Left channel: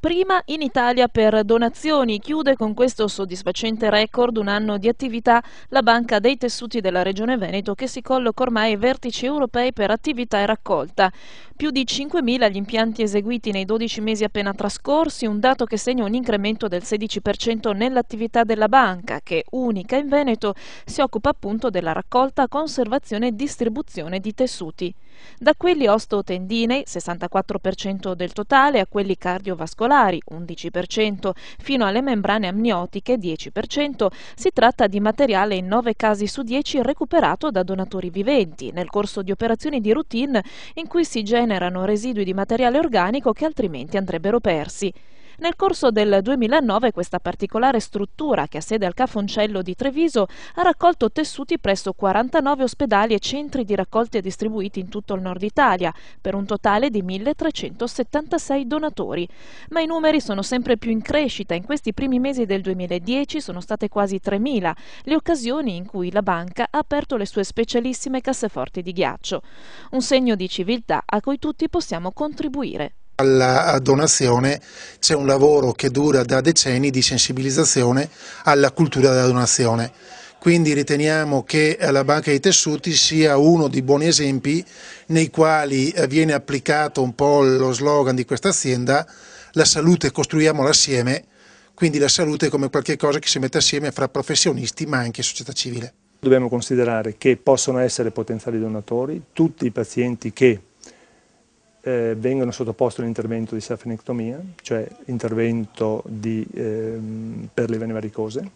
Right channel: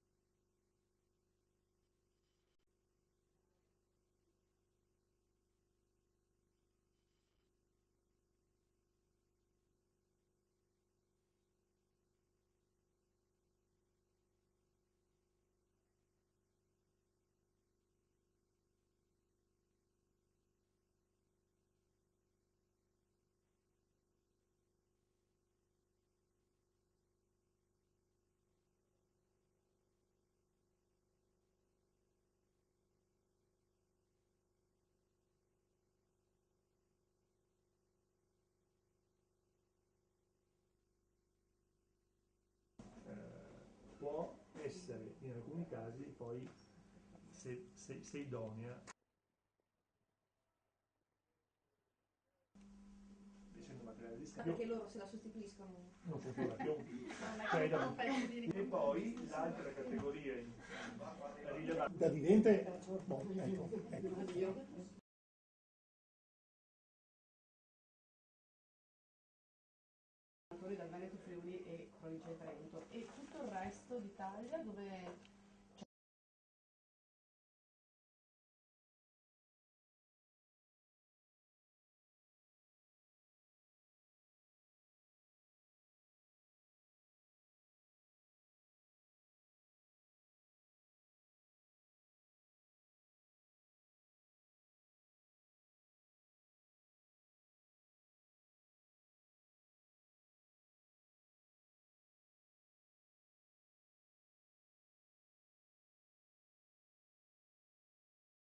Prima in Italia per donazioni, chiude con questo soddisfacente record un anno di attività la Banca dei Tessuti della Regione Veneto, che si colloca ormai ai vertici europei per attività e raccolta. Più di 5.000 gli impianti eseguiti nei 12 mesi appena trascorsi, un dato che segna un incremento del 16% nell'attività della banca, che, unica in Veneto, si occupa appunto della raccolta, conservazione e distribuzione di tessuti. Da quelli osteotendinei, 64% del totale, a quelli cardiovascolari, 11%, fino alle membrane amniotiche, 10%, si tratta di materiale in 9 casi su 10 recuperato da donatori viventi, nel corso di operazioni di routine in cui si generano residui di materiale organico che altrimenti andrebbero persi. Nel corso del 2009 questa particolare struttura, che ha sede al Cafoncello di Treviso, ha raccolto tessuti presso 49 ospedali e centri di raccolta distribuiti in tutto il nord Italia, per un totale di 1.376 donatori. Ma i numeri sono sempre più in crescita. In questi primi mesi del 2010 sono state quasi 3.000 le occasioni in cui la banca ha aperto le sue specialissime casseforti di ghiaccio. Un segno di civiltà a cui tutti possiamo contribuire. Alla donazione c'è un lavoro che dura da decenni di sensibilizzazione alla cultura della donazione. Quindi riteniamo che la Banca dei Tessuti sia uno dei buoni esempi nei quali viene applicato un po' lo slogan di questa azienda: la salute costruiamola assieme, quindi la salute come qualcosa che si mette assieme fra professionisti ma anche società civile. Dobbiamo considerare che possono essere potenziali donatori tutti i pazienti che vengono sottoposti all'intervento di self-anectomia, cioè intervento per le vene varicose,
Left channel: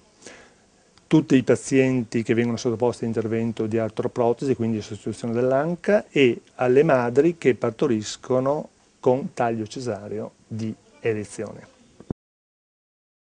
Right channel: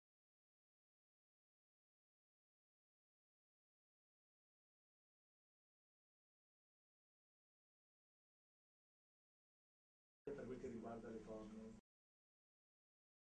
tutti i pazienti che vengono sottoposti all'intervento di artroprotesi, quindi sostituzione dell'anca, e alle madri che partoriscono con taglio cesareo di elezione.